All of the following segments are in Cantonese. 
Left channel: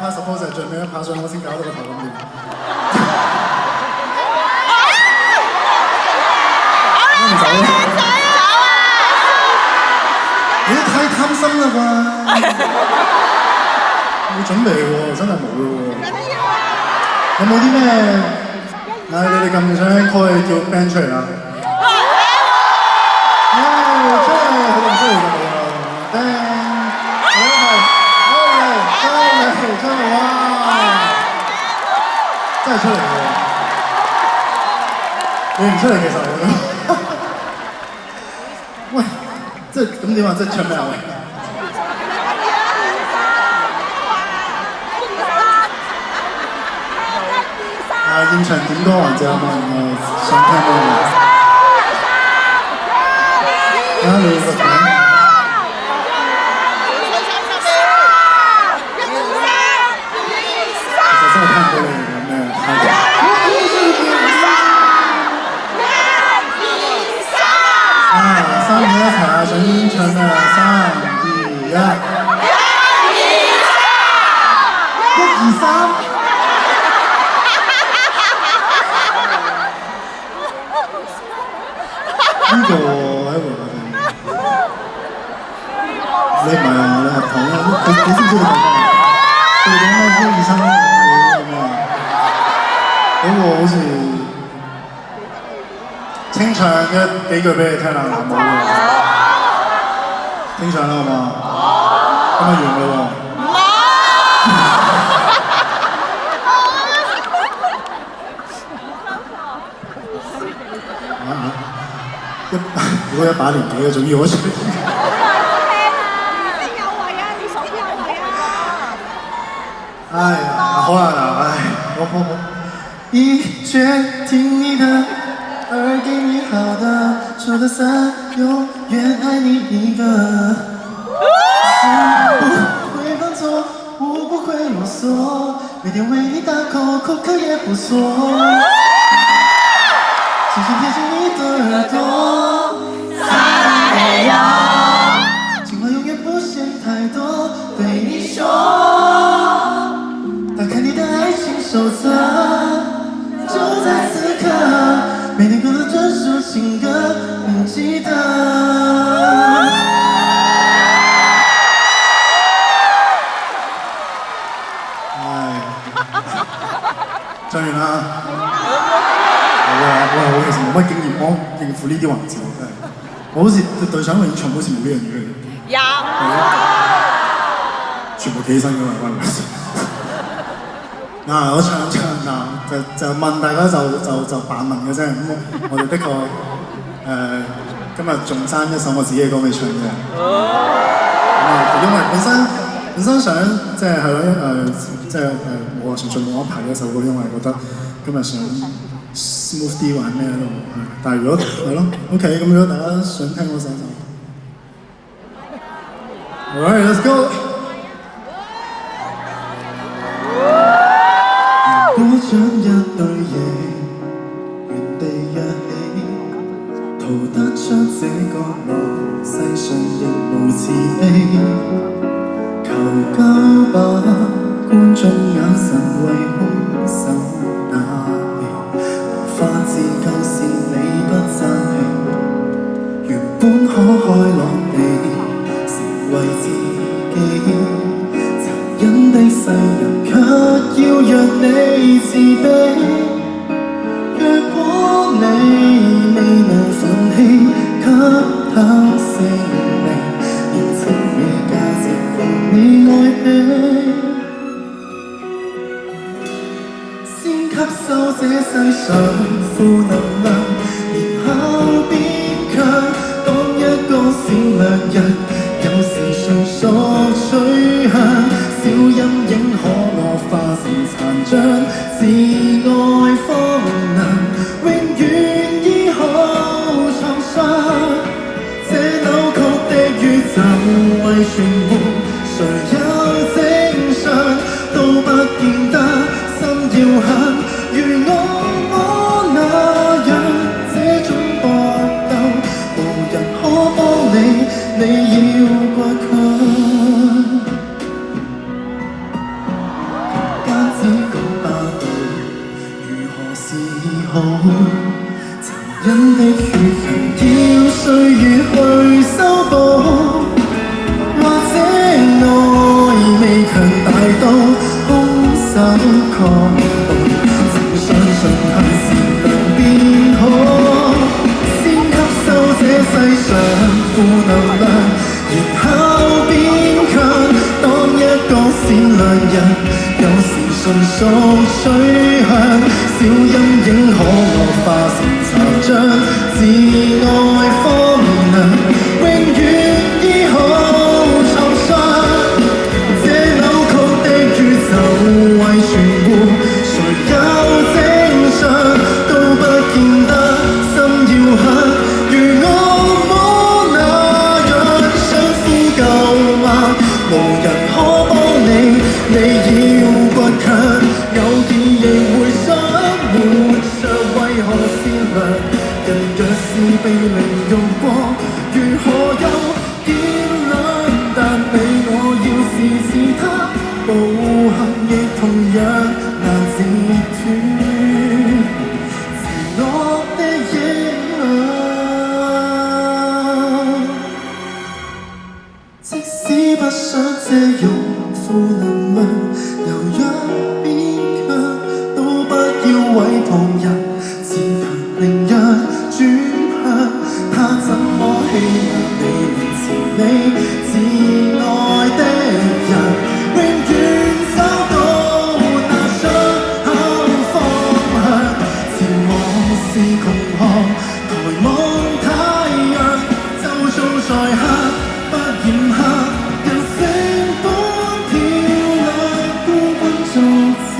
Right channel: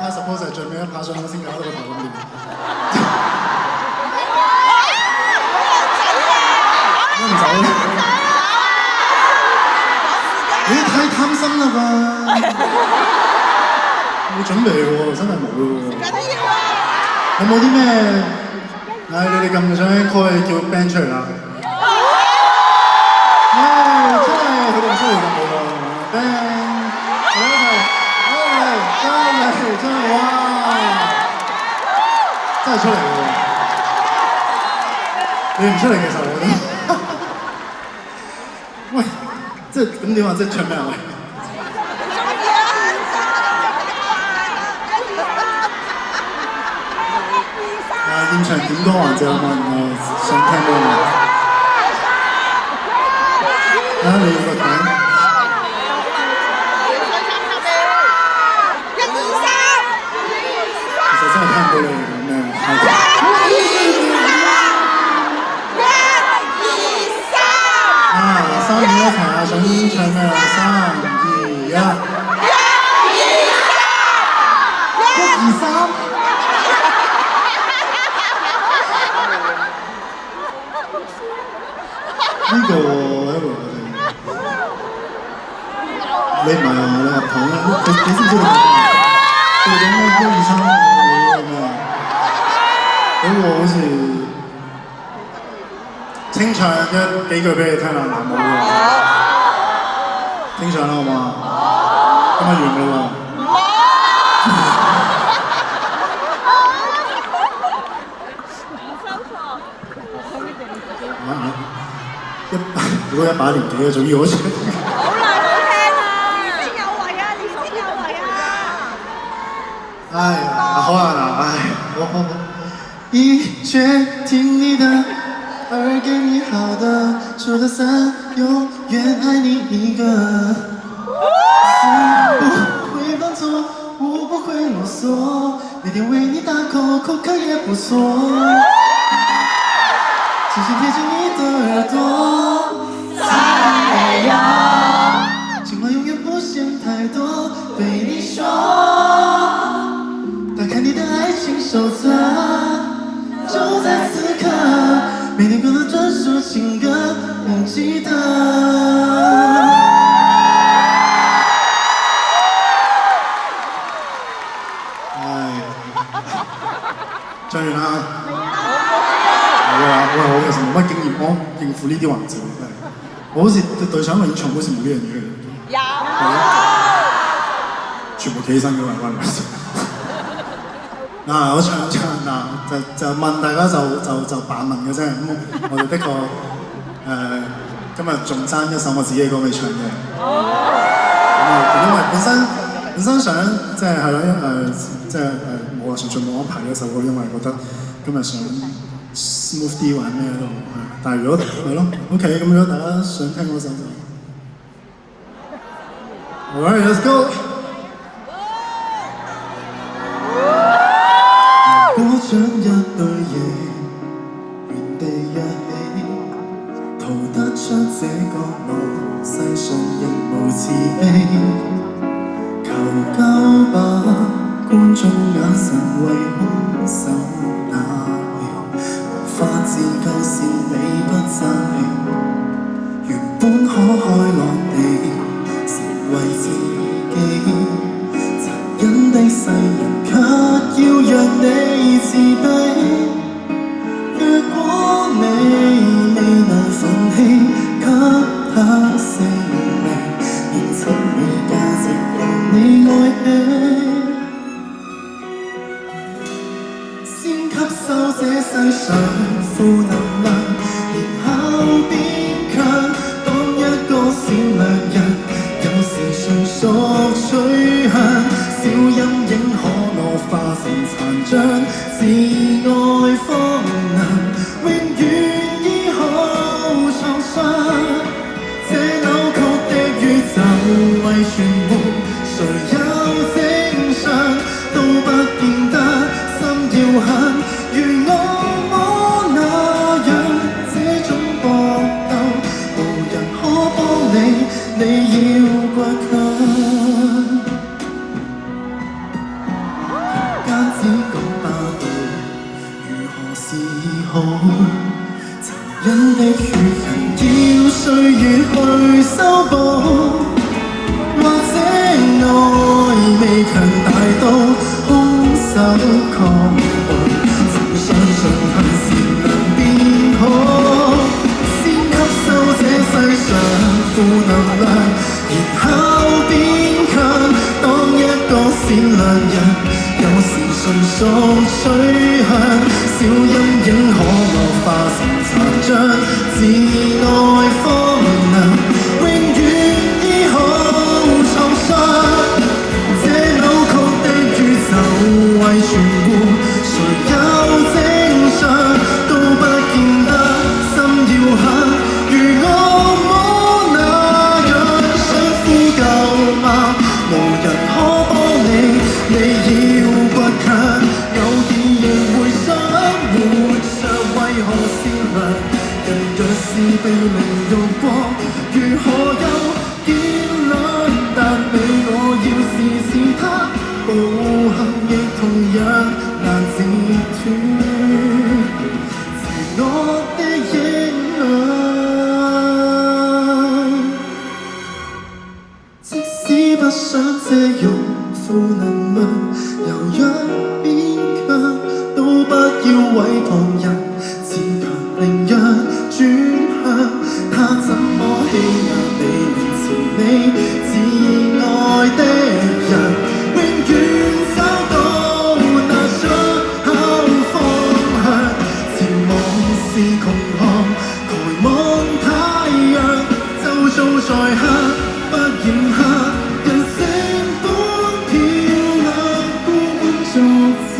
拍 suppose 係最尾一拍上我先搞到個頭咁亂。我唔走啦！你太貪心啦啩！冇準備喎，真係冇喎。有冇啲咩？唉，你哋咁想開叫 band 出嚟啦？唉，真係佢哋唔出嚟就冇啦。band， 我哋一齊，出嚟，哇！真係出嚟喎！你唔出嚟其實我都，喂，即係咁點啊？即係唱咩啊？喂！現場點歌環節啊嘛，想聽咩？你個名？其實真係聽唔到你講咩。3、2、1，一齊啊！想唱咩啊？3、2、1。1、2、3。呢個喺度，你唔係啊？你合頭咩？你知唔知你講咩？佢哋講咩1、2、3咁啊？嗰個好似清唱幾句俾你聽啦，南無嘅。清唱啦，好嘛？今日完啦喎。如果100年幾嘅，仲要我唱。哎呀，好啦嗱，哎，好。已決定你的，而給你好的，說的散，永遠愛你一個。不會犯錯，我不會囉嗦，每天為你打 call， 口渴也不錯。輕輕貼近你的耳朵。情話永遠不嫌太多，對你說，打開你的愛情手冊，就在此刻，每天過的專屬情歌，你記得。唱完啦。我其實冇乜經驗，我應付呢啲環節真係。我好似對上一個演唱會好似冇呢樣嘢嘅。有。全部企起身嘅嘛，關唔關事？嗱，我唱嗱就問大家就扮問嘅啫。咁我哋的確今日仲爭一首我自己嘅歌未唱嘅。因為本身想即係係咯，即係我純粹冇安排呢首歌，因為覺得今日想smooth 啲玩咩咯，但係如果係咯 ，OK， 咁如果大家想聽嗰首就 ，Alright， let's go。如果將一對翼原地躍起，逃得出這個路，世上人無慈悲，求救吧，觀眾眼神為兇手打氣。花自救是你不爭氣，原本可開落地，成為自己。殘忍的世人卻要讓你自卑。如果你未能放棄，給他性命，認清你價值，讓你愛起。吸收這世上負能量，然後變強。當一個善良人，有時純屬取向，小陰影可惡化成殘障，自愛方能永遠醫好創傷。這扭曲的宇宙為存活，誰有正常都不見得心要狠。如我那樣，這種搏鬥，無人可幫你，你要倔強。負能量，然後變強。當一個善良人，有時純屬取向，小陰影可落化成殘像，自愛方能永遠醫好創傷。這扭曲的宇宙為全部，誰有正常都不見得心要狠，如惡魔那樣想呼救嗎？無人可幫你，你要倔強，偶爾亦會想活着，為何善良？人若是被凌辱過，如何有見亮？但你我要是他，暴行亦同樣難截斷自我的影響。即使不想借用負能量，柔弱變強，都不要為旁人自強凌弱轉向。他怎麼欺壓你能潮你自愛的人，永遠找到那出口方向。前往是窮巷，抬望太陽，周遭在黑不染黑，人性本漂亮，孤軍作戰，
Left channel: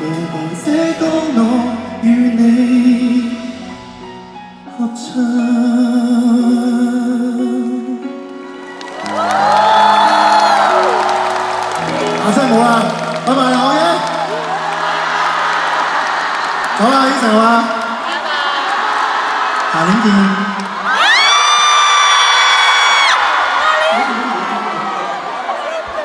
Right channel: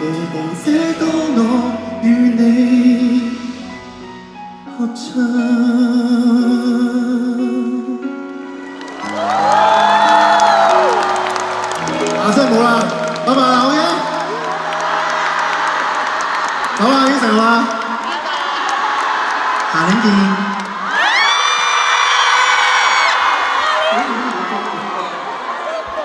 無望這多我與你合唱。真係冇啦，拜拜啦，OK？好啦，應承啦，下年見。